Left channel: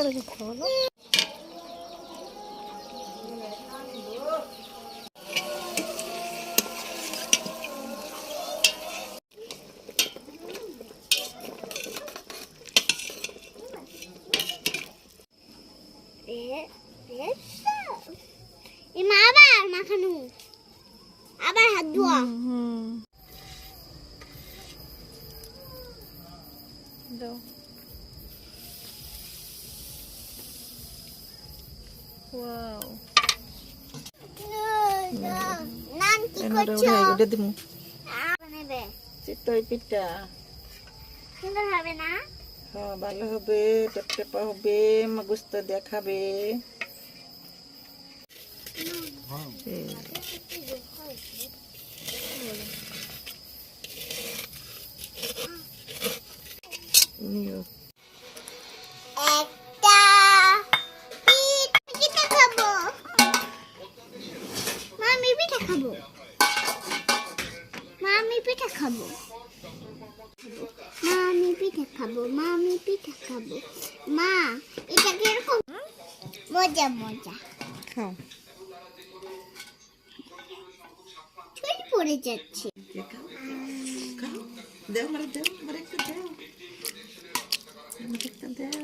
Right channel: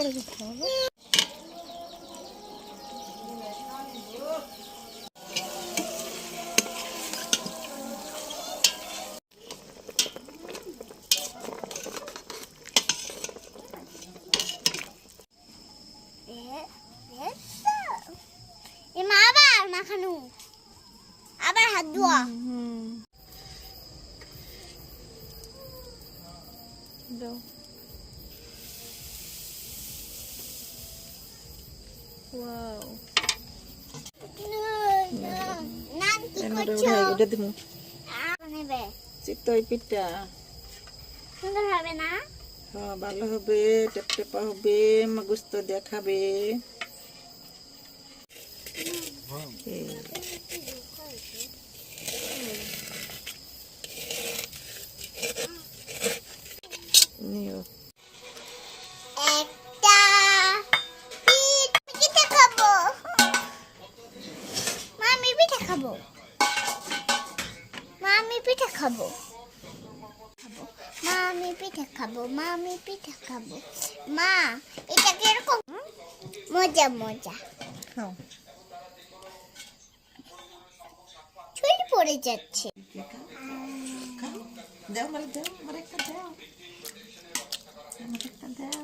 করে কথা বলো। আবার মাখানো, আবার হাত ধোয়া। দাও। ওয়াও, নাম কি করছো? ওটা দিমু। বানাবে চিতই পিঠা। সুন্দর হবে না? হ্যাঁ, ভালো হবে, টেপটেপা হবে, মগজ দেখাবে। একটা পিঠা খাবো, মামি পিঠা খাবো, মামি পিঠা খাবো, মামি পিঠা খাবো, মামি পিঠা খাবো। মা, এটা কিরকম মজা মজা। খাও। ছুরি পড়ে যাচ্ছে। দাও, মারে দাও, মারে একটা দাও, মারে একটা দাও।